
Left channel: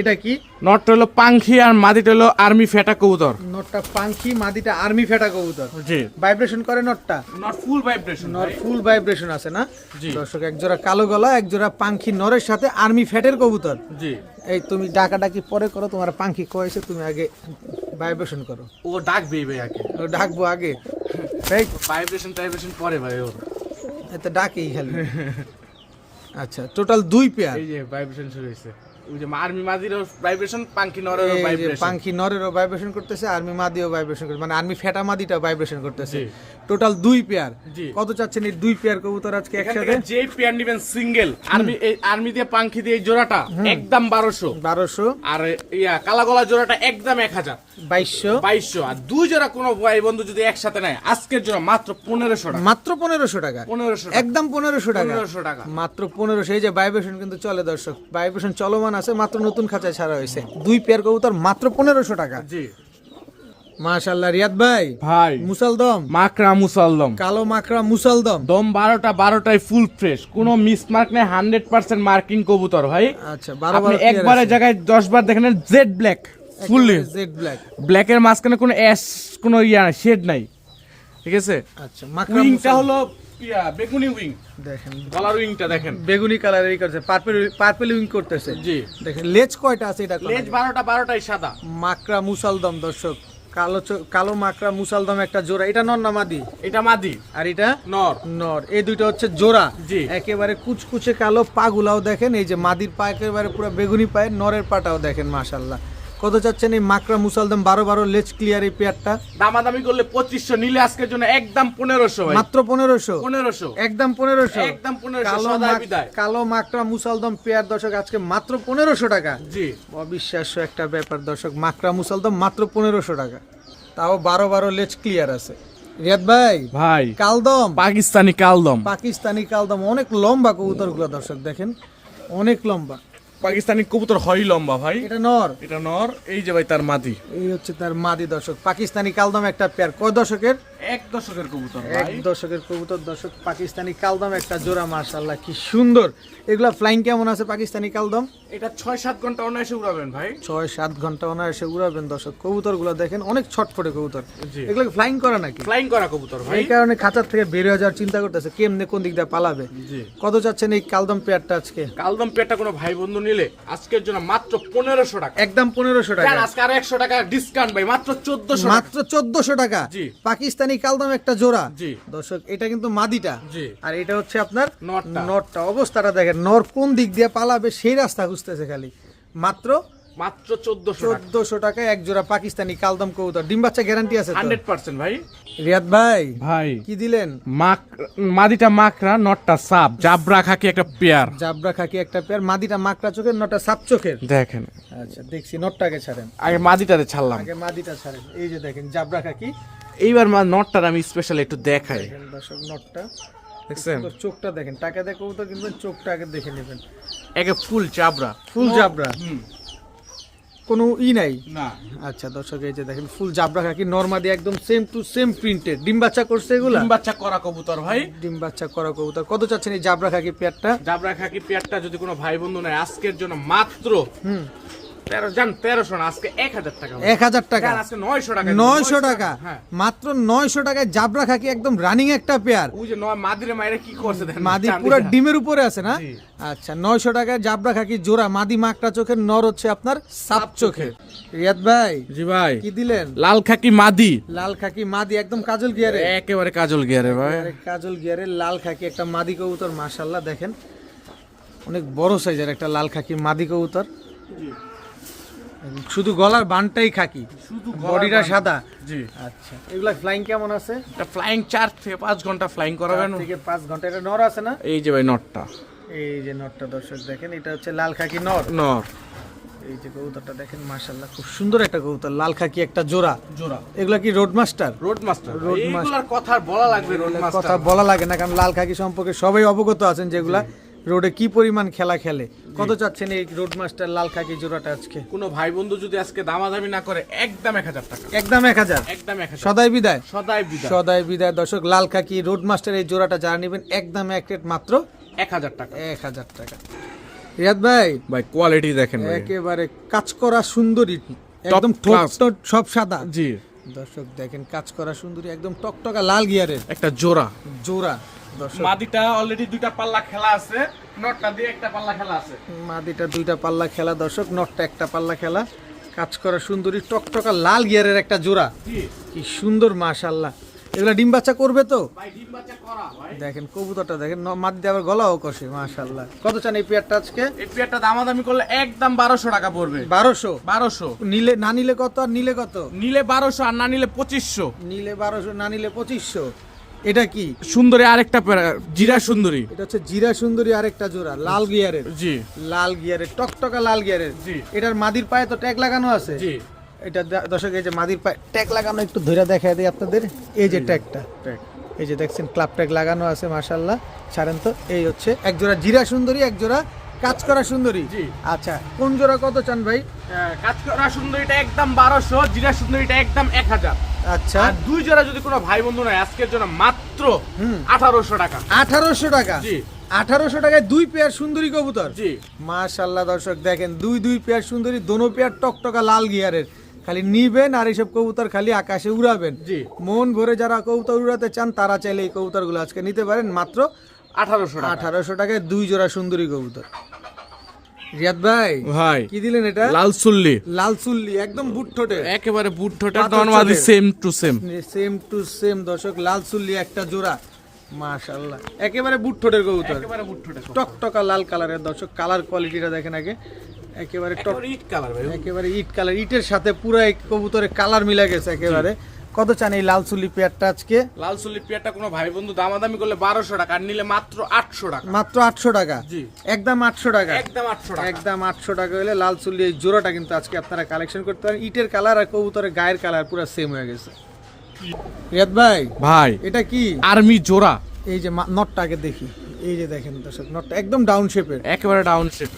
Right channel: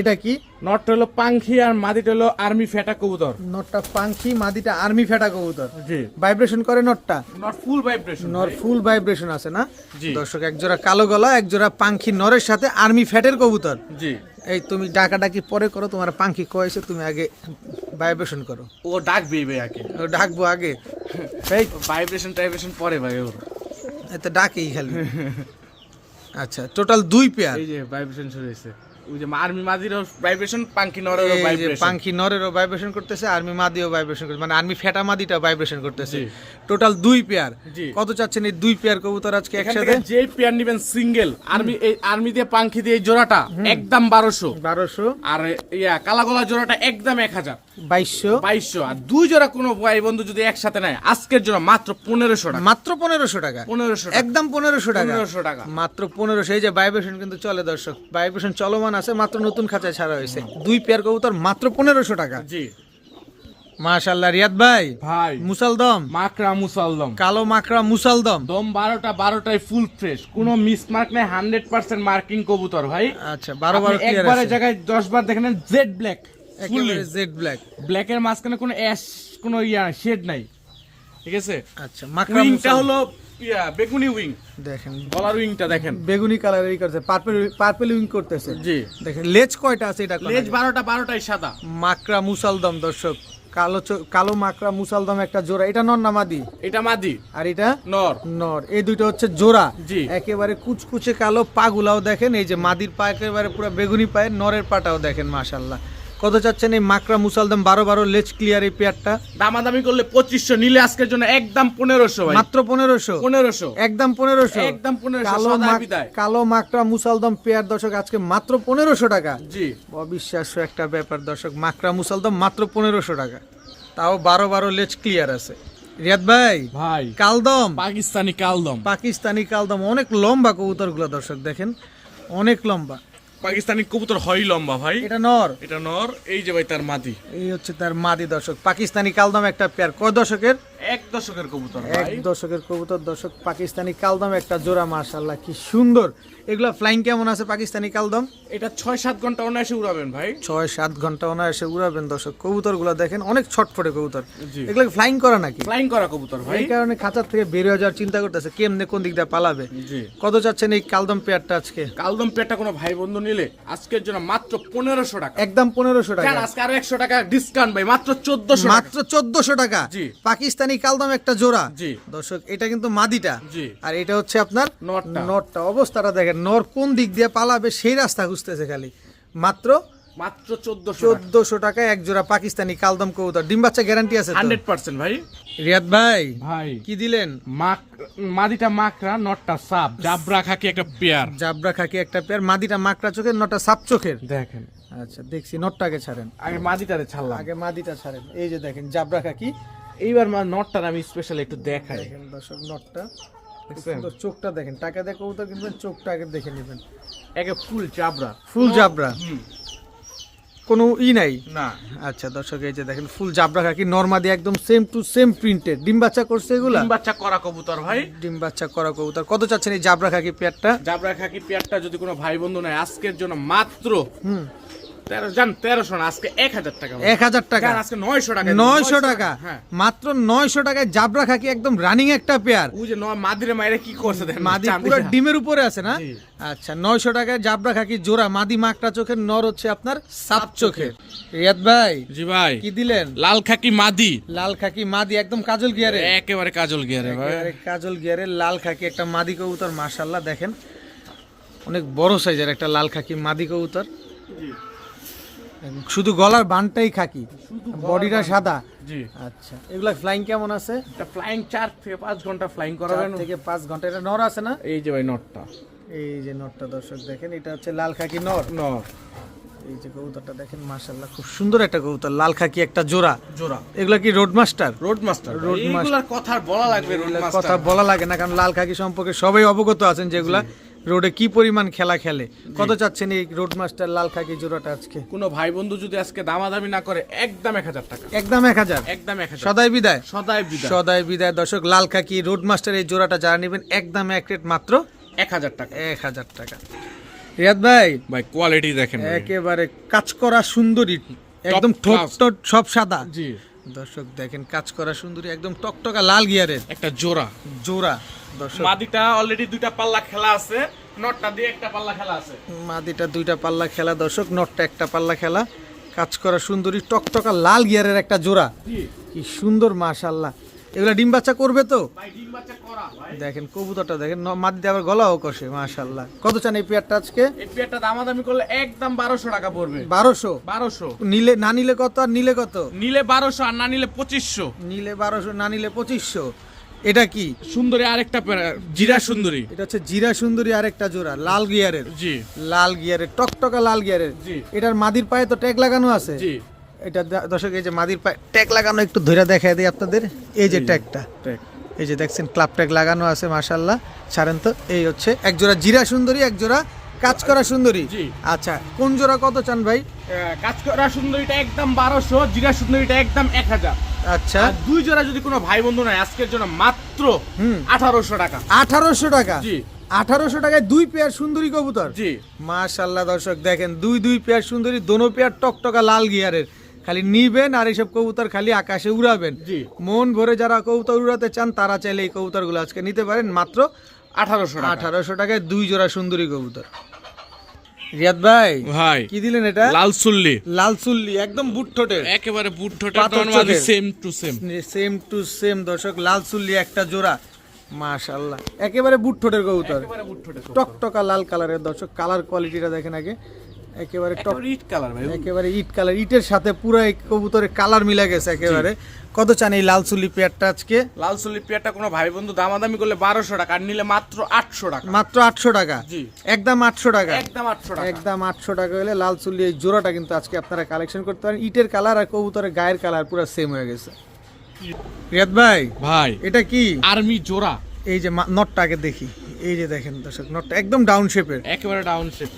এটা কি? নটটা হলো পাংখি আর মাদিটা হলো আর্মি ফেটা কবুতর। নটটা পাখি মাদিটা আর্মি ফেটা কবুতর। জি। ভাইব্রেশন করে নটটা? Not full vibration not full vibration আছে না। দর্শক এক জোড়া কালো গলা এক জোড়া পাখি নরের সাথে আর্মি ফ্যাটের কবুতর। জি। এই তুমি ডাকাডাকি পরে করো তোমার পাখি কয়েছে তুমি আগে ভাইব্রেশন করো। ও ডাকবে ভাই আগে। ও ডাকবো আগে। এই ভাইব্রেশন টাইব্রেশন পরে ভাই ও এত ডাকেই খালি। আচ্ছা টোটাল দুই পেয়ার এই যে ভাইব্রেশন শুরু হয়েছে। আর্মি মাদির ভাইব্রেশন পাংখি নরের ভাইব্রেশন পাখি নরেরও ভাইব্রেশন করতেছে আর্মি মাদিও ভাইব্রেশন করতেছে মানে আর্মি ফেটা মাদিটা ভাইব্রেশন করতেছে। টোটাল দুই পেয়ার কত চাচ্ছেন এই দুই পেয়ার কবুতর আজকে একসাথে? যে পেয়ার নিবেন সিঙ্গেল আর্মি এই আর্মি দিয়ে পাংখি দিয়ে জোড়াটা একদম বারোশো। বারোশো। আর ইয়া জোড়াটা একদম দুই জোড়া কোনো ভাই বন্ধু যদি একসাথে নেয় আজকের জন্য মাত্র পনেরোশো টাকা। মাত্র পনেরোশো টাকা। পনেরোশো একদম পনেরোশো টাকা। টাকা। মাত্র পনেরোশো। এই যে ভাইব্রেশন কিন্তু চলে দর্শক। ভাইব্রেশন চলমান আছে মাত্র নতুন খাঁচায় ছাড়া হয়েছে। দুই পেয়ার কবুতর মাত্র পনেরোশো টাকা। জি। মাশাল্লাহ রিয়াদ ভাই ভাই। মুসালদম। মাকড়া মুসাল্লম কালো মাকড়া মুসালদম। দম বারোটা বারোটাই ফুল ফ্রেশ কোনো মিস মার্ক নেই হান্ড্রেড পার্সেন্ট মার্কিং কবুতর ভাই। আচ্ছা বারো বারো জায়গায় দশ বার দেখেন jet black fully jet black ব্ল্যাকের মাঝখানে কোনো অ্যাশ কোনো ইয়া শেড নাই। ঠিক আছে? আচ্ছা মাকড়া হলো ইয়া বেগুনি উইং। দেখেন। গলার উইংটা দেখেন। বেগুনি কালার এই করছে পার্পেল পার্পেল উইং করতেছে। জি। দেখেন লেজ কয়টা আছে এটা লেজ বারোটা বারোটাই সাদা। মাকড়া মুসালদম দর্শক। কালো চ- কালো মাকড়া মুসালদম একটা জোড়া। এটা নর নামাদি এটা মাদি। আর এটা? নর। নর। এই দুইটা হচ্ছে জোড়া। একেবারে কুচকুচে কালো পাগুলাও দেখেন এই যে মাদির পা একেবারে পুরো বেগুনি পায়ে নরের পাটাও দেখেন মাশাল্লাহ কত চাচ্ছেন এই মাকড়া মুসালদম বারো বারো? লেজ ক্লিয়ার এই পেয়ারটা। দামাদামি করলে পঁচিশশো নিলে আজকের জন্য একদম পনেরোশো মাত্র পনেরোশো? পনেরোশো। একদম পনেরোশো? একদম 1500 কালো মাকড়া মুসালদম পেয়ার দর্শক আজকে মাত্র পনেরোশো টাকা। জি। অবিশ্বাস্য একটা ব্যাপার দর্শক মাকড়া মুসালদম মাত্র পনেরোশো টাকা। তাও বারো বারো লেজ ক্লিয়ার আছে। রিয়াদ ভাই ভাই। কালদম। পাকিস্তানি কালদম। পাকিস্তানি কালদম অনেক লম্বা কবুতরগুলো দর্শক দেখেন অনেক লম্বা। পাকিস্তানি কবুতর হয় লম্বা ভাই। এটা নর। এটা নর এই যে ভাই তার মাদি। এই হচ্ছে তার মাদি দর্শক। পাকিস্তানি কালদম একটা পেয়ার কয় দশকের এক দশকের কবুতর এক দশকের কবুতর দর্শক পাকিস্তানি কালদম একটা জোড়া মাশাল্লাহ কি সুন্দর। এগুলা ফ্লাইং কেমন আছে পাকিস্তানি কালদম? এটা ছয় সাত ঘণ্টা অনায়াসে উড়াবেন ভাই। ছয় সাত ঘণ্টা অনায়াসে উড়াবেন দর্শক কবুতর দেখেন অনেক ছটফটে কবুতর। এগুলো ফ্লাইং করা নাকি? ফ্লাইং করা কবুতর ভাই। এই কারণে খাঁচার থেকে বের হয়ে যাওয়ার চিন্তা করতেছে কেমনে কোন দিক দিয়ে পালাবে। কত চাচ্ছেন এই কালদম পেয়ারটা আজকে? কালদম পেটটা কোনো ভাই বন্ধু নিলে আজকের জন্য মাত্র পনেরোশো টাকা। একদম পনেরোশো টাকা। স্যার, আজকে আর একশো টাকা ডিসকাউন্ট ভাই মাত্র চোদ্দশো মাত্র চোদ্দশো টাকা। জি। পাকিস্তানি কালদম একটা জোড়া। দর্শক এটা কিন্তু মাদিটা। আর এটা হচ্ছে আপনার নটটা। অবস্থাটা দেখেন নর কোন দিক দিয়ে পালাবে সেই রাস্তা খুঁজতেছে খালি। মাত্র মাত্র চোদ্দশো চোদ্দশো টাকায় এক জোড়া পাকিস্তানি কালদম কবুতর। ডিম বাচ্চা গ্যারান্টি আছে হান্ড্রেড পার্সেন্ট ভাই। রিয়াদ ভাই ভাই। কি দিলেন? মাক মাদিটা মাকড়া নটটা সাপ। জাবরা খাকি একটা পেয়ার। জাবরা খাকি একটা পেয়ার মাদিটা মাকড়া চোখের নটা সাপ চোখের? দেখেন। আচ্ছা দেখছি নটটাকে ছাড়েন। আগে মাদিটারে ছাড়লাম। আগে মাদিটা ছাড়েন। এই যে দেখেন জাবরা খাকি এইবার মা নটটার আমি স্পেশাল একটু দেখাই। দর্শক নটটা। দেখছেন? চোখটা দেখেন। টাকা দিয়ে তো কিনবেন চোখটা আগে দেখে নেবেন। একে ফুল চাবরা ফুল জাবরা? হুম। কোনো ই নাই? না। আচ্ছা দর্শক এই যে দেখেন ফুল জাবরা খাকি নর্মাদি একদম সেম টু সেম প্রিন্টেড ডিম বাচ্চা করছে এগুলা? ডিম বাচ্চা করা কবুতর ভাই। ডিম বাচ্চা করা কবুতর। কত চাচ্ছেন এই জাবরা খাকি পেয়ারটা? জাবরা খাকি পেয়ারটা যদি কোনো ভাই বন্ধু নেয় আজকের জন্য মাত্র হুম। হ্যাঁ, আজকে নয়শো টাকা। হ্যাঁ। মাত্র নয়শো টাকায় জাবরা খাকি একদম রানিং একটা পেয়ার ওই যে নয় মাদিরে মায়েরা কি করছে দেখেন মাদি পুরো ডিমের উপরে আছে না? আচ্ছা নয়শো টাকায় জাবরা খাকি জোড়া মাদি চোখের নর হচ্ছে আপনার সাপ চোখের। রিয়াদ ভাই জি ভাই। কি দিলেন? লাল খাকি মাদি। লাল খাকি মাদি একদম কাজল গিয়ারে একেবারে কাজল গিয়ারে ভাই। কাজল গিয়ারে লাল খাকি একটা মাদি কবুতর মাশাল্লাহ দেখেন। অনেক বড় সাইজের একটা লাল খাকি মাদি কবুতর। শুধু গলার বানটাই খাকি? শুধু বডিটা সাদা? জি। আচ্ছা। এগুলা ফ্লাইং কেমন আছে? এটা ফ্লাইং চার থেকে পাঁচ ঘণ্টা ফ্লাইং করাবেন। থেকে পাঁচ ঘণ্টা। এটা নর আছে না? এই যে ভাই নটটা এই যে নরটা দর্শক দেখেন এটা হচ্ছে লাল খাকি নর। নর। এই যে কবুতরটা দেখেন মাশাল্লাহ খুব সুন্দর একটা কবুতর লাল খাকি একটা জোড়া। জোড়া। এগুলা কি road master road master road master কথা বলা লাগবে কথা বলা লাগে না কারণ লাল খাকি সম্পর্কে সবাই অবগত আছেন যেগুলা। রোডে কি পরিমাণ খেলা খেলে? কত চাচ্ছেন এই রোড মাস্টার লাল খাকি জোড়াটা আজকে? কোনো ভাই বন্ধু যদি আজকে দামাদামি না করে একদম এক হাজার টাকা। একদম এক হাজার? একদম এক হাজার। সদাই বিদায়। সদাই বিদায়। সদাই বিদায়। দর্শক লাল খাকি রোড মাস্টার এই জোড়াটা যারা নেবেন একদম এক রেট মাত্র এক হাজার টাকা। এক হাজার টাকা। রিয়াদ ভাই ভাই কোয়ালিটি দেখেন একেবারে কাজ করা সুন্দরী। একদম ঠোঁট। সব সাদা। জি। দর্শক দেখেন কাজ করা সুন্দরী একদম টকটকা লাল গিয়ারের। একটা জোড়া। জোড়া। মাদিটা অলরেডি দুইটা পাল্লা খেলা আছে নটটা দিয়ে একটা পাল্লা খেলা আছে। মাদিটা দুইটা পাল্লা খেলা দর্শক নটটা একটা পাল্লা খেলা। কাজ করা সুন্দরী টকটকা লাল গিয়ারের একটা জোড়া। কি সুন্দর মাশাল্লাহ এগুলা ডিম বাচ্চা করবে তো? দেখেন কবুতরটা দেখেন মাদি আবার গলাও কষে মাশাল্লাহ কত চান এই পেয়ারটা আজকে? এই পেয়ারটা দামাদামি করলে একদম বারোশো টাকা পড়বে। বারোশো? বারোশো। নিলে না নিলে কত আর নিলে কত? নিলে বারোশো আর না নিলে পঁচিশশো। নিলে বারোশো না নিলে পঁচিশশো। এটা কি? সুন্দরী আরেকটা জিরা সুন্দরী। এটা হচ্ছে জিরা সুন্দরী আরেকটা জোড়া লাল গিয়ারের। জি। লাল গিয়ারের টকটকা লাল গিয়ারের। জি। এটার মাদির পায়ে তো ট্যাগ লাগানো আছে? জি। এটা দর্শক এই যে মাদির পায়ে ট্যাগ লাগানো একটু ধরে দেখা দিই আপনাদের। এই যে ট্যাগটা। এই যে দেখছেন ক্লাব ট্যাগ লাগানো আছে মাশাল্লাহ ছাড়েন তো এই হচ্ছে এক জোড়া জিরা সুন্দরী এক জোড়া কাজ করা সুন্দরী। জি। আচ্ছা কোন জোড়া কত চান ভাই? কাজ করা সুন্দরীটা একদম বারোশো জিরা সুন্দরীটা একদম এক হাজার। আচ্ছা। আর দুই জোড়া যদি কোনো ভাই বন্ধু নাই আজকের জন্য মাত্র। আঠারোশো টাকা। আঠারোশো টাকা? জি। আঠারোশো টাকায় দুই পেয়ার সুন্দরী কবুতর? জি। মাশাল্লাহ দর্শক দেখেন দুই দুই পেয়ার সুন্দরী দোনো পেয়ার টকটকা লাল গিয়ারের। খালি নিবেন আর এইসব কবুতর খালি আকাশে উড়াবেন। জি। মন ভরে যারা কবুতর উড়াতে চান তারা চাইলে এই কবুতরগুলো আজকে নিতে পারেন। মাত্র আঠারোশো টাকা। আঠারোশো টাকায় দুই জোড়া সুন্দরী কবুতর। রিয়াদ ভাই ভাই কি দিলেন এটা? লাল সুল্লি লাল চুল্লি একদম বুট ঠোঁটে। একেবারে বুট ঠোঁটা পাথর same to same same to same দর্শক লাল চুল্লি একটা জোড়া। মাশাল্লাহ একেবারে বুট ঠোঁটের কবুতর। টকটকা লাল কালারের দর্শক কালার কোয়ালিটিটা দেখেন আগে। একেবারে টক ইট কালার ভাই। একেবারে ইট কালার। ইটের সাথে পুরো এই কবুতরের কালার মিলা গেছে একেবারে। কত চান এই লাল চুল্লি পেয়ারটা আজকে? লাল সুল্লি পেয়ারটা কোনো ভাই বন্ধু দামাদামি করলে বারোশো টাকা আর নিলে মাত্র আটশো টাকা। মাত্র আটশো টাকা? জি। একদম আটশো টাকা? একদম আটশো টাকা। একদম আটশো টাকা হলে লাল চুল্লি এই জোড়াটা কিন্তু আজকে আপনারা কালেকশন করতে পারেন। ইটের কালার আর কবুতরের গায়ের কালার পুরো সেম হয়ে গেছে। রিয়াদ ভাই ভাই। এটা কি? আর্মি জোড়া। এই যে মা- নটটা আগে দেখি। এই যে দেখেন দর্শক নটটা একদম ডাউন শেপের একেবারে ডাউন শেপ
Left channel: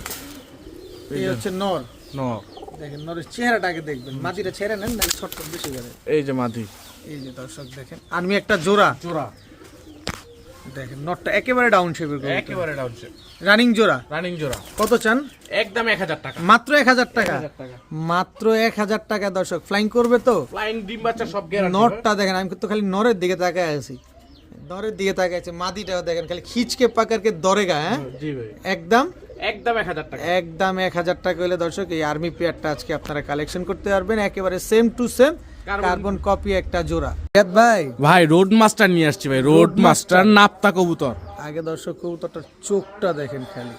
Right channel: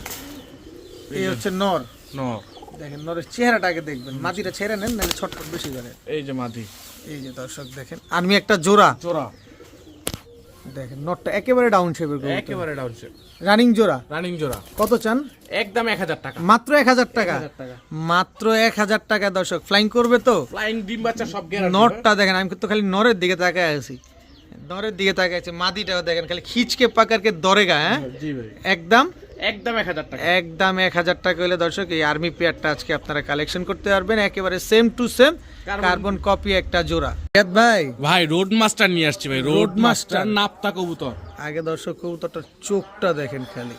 এই হচ্ছে নর। ন দেখেন নরের চেহারাটা আগে দেখবেন মাটিটা ছেড়ে নেন নাহলে ছটফট বেশি করে। এই যে মাদি এই যে দর্শক দেখেন আমি একটা জোড়া। জোড়া। দেখেন নটটা একেবারে ডাউন শেপের একেবারে ডাউন শেপ রানিং জোড়া। রানিং জোড়া। কত চান? একদম এক হাজার টাকা। মাত্র এক হাজার টাকা। টাকা। মাত্র এক হাজার টাকা দর্শক। ফ্লাইং করবে তো? ফ্লাইং ডিম বাচ্চা সব গ্যারান্টি নটটা দেখেন আমি তো খালি নরের দিকে তাকায় আছি। নরের দিকে তাকায় আছে মাদিটাও দেখেন খালি খিচকে পাকারকে দরেগা হ্যাঁ? জি ভাই। একদম একদম এক হাজার টাকা। একদম এক হাজার টাকা হলে দর্শক এই আর্মি পেয়ারটা আজকে আপনারা কালেকশন করতে পারবেন একেবারে same to same carbon copy একটা জোড়া। ভাই? ভাই রোড মাস্টার নিয়ে আসছি ভাই রোড মাস্টার নাপ্তা কবুতর। আগে দর্শক কবুতরটার চোখটা দেখেন খালি।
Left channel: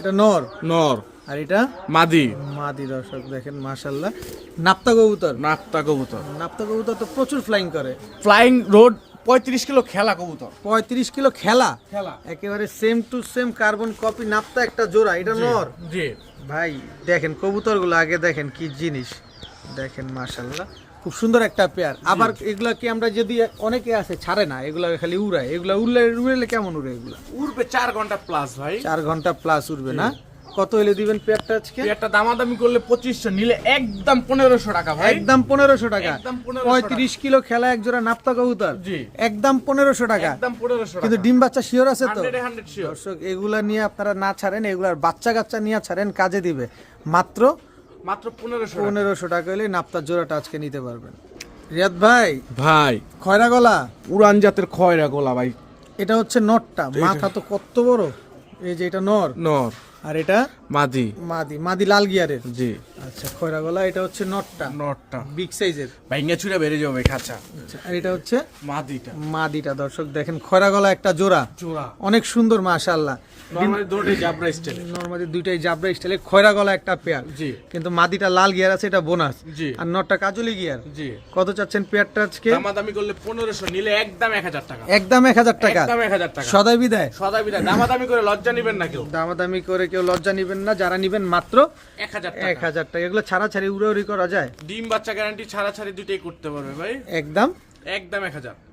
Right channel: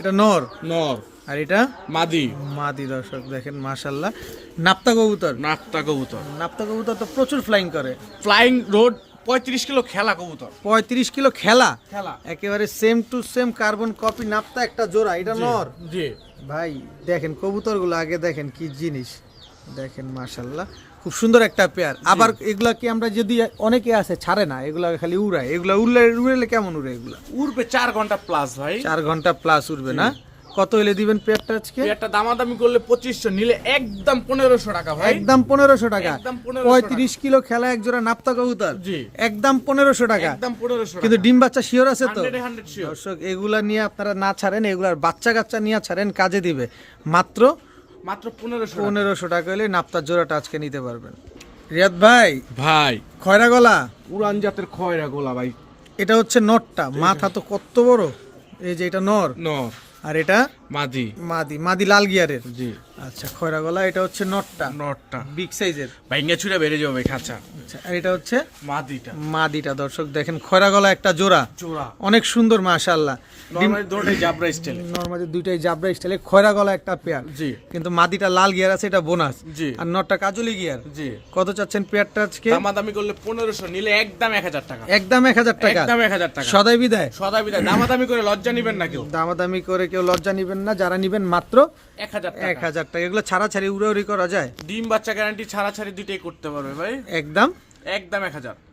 এটা নর? নর। আর এটা? মাদি। মাদি দর্শক দেখেন মাশাল্লাহ নাপ্তা কবুতর? নাপ্তা কবুতর। নাপ্তা কবুতর তো প্রচুর ফ্লাইং করে। ফ্লাইং রোড পঁয়ত্রিশ কিলো খেলা কবুতর। পঁয়ত্রিশ কিলো খেলা? খেলা। একেবারে same to same carbon copy নাপ্তা একটা জোড়া এটা নর? জি। ভাই দেখেন কবুতরগুলো আগে দেখেন কি জিনিস। দেখেন মাশাল্লাহ খুব সুন্দর একটা পেয়ার আবার এগুলা কি আমরা যদি অনেকে আছে ছাড়ে না এগুলা খালি উড়ায়। এগুলা উড়লে উড়লে কেমন উড়ে এগুলা? উড়বে চার ঘণ্টা প্লাস ভাই। চার ঘণ্টা প্লাস উড়বে না? কত হলে দিবেন পেয়ারটা আজকে? একটা দামাদামি করলে পঁচিশশো নিলে একদম পনেরোশো টাকা ভাই। একদম পনেরোশো টাকা। একদম 1500 পঁয়ত্রিশ কিলো খেলা এক জোড়া নাপ্তা কবুতর। জি। একদম পনেরোশো টাকা। একদম পনেরোশো কিন্তু ডিম বাচ্চা শিওর আছে তো? হান্ড্রেড হান্ড্রেড শিওর দর্শক এগুলা নিয়ে আপনারা না ছাড়েন এগুলার বাচ্চা কাচ্চা নিয়ে ছাড়েন কাজে দিবে। মাত্র মাত্র পনেরোশো পনেরোশো টাকা হলে নাপ্তার জোড়াটা আজকে নিতে পারবেন। রিয়াদ ভাই ভাই। খয়রা গলা উড়ান জাতের খয়রা গোলা ভাই। এটা হচ্ছে নটটা। মাথা তো কত বড়? এই যে এটা নর। নর। আর এটা? মাদি। মাদি মাদি লাল গিয়ারের? জি। আচ্ছা খয়রা গলা এটা হচ্ছে নটটা? নটটা। বিগ সাইজের? ভাইঙ্গা ছুড়ে বেড়ে যাবে খাঁচা। আচ্ছা আর এটা হচ্ছে? মাদিটা। মাদিটা দর্শক দেখেন খয়রা গলা একটা জোড়া। জোড়া। অনেক সুন্দর মাশাআল্লাহ। নর্মালি দুইটাই জাবরা স্টাইলে খয়রা গলা একটা পেয়ার জি। কিন্তু মাদিটা লাল গিয়ার আছে এটা বোনাস জি। আর নটটা কাজলি গিয়ার জি। কত চাচ্ছেন পেয়ারটা আজকে? দামাদামি করলে নিলে একদম টাকা। একদম এক হাজার টাকা। একদম এক হাজার টাকা। সদাই বিদায়। সদা বিদায়। দামাদামি করে লজ্জা নিবেন না কেউ। দামাদামি করে কেউ লজ্জা নিবেন না। যারা নিবেন মাত্র এক হাজার এক টাকা হাজার টাকা। এগুলো ছাড়া ছাড়ি উড়ে উড়ি করা যায়? ডিম বাচ্চা গ্যারান্টি ছাড়া ছাড়া দুইটাই করতে পারবে ভাই। একদম। একদম এক হাজার।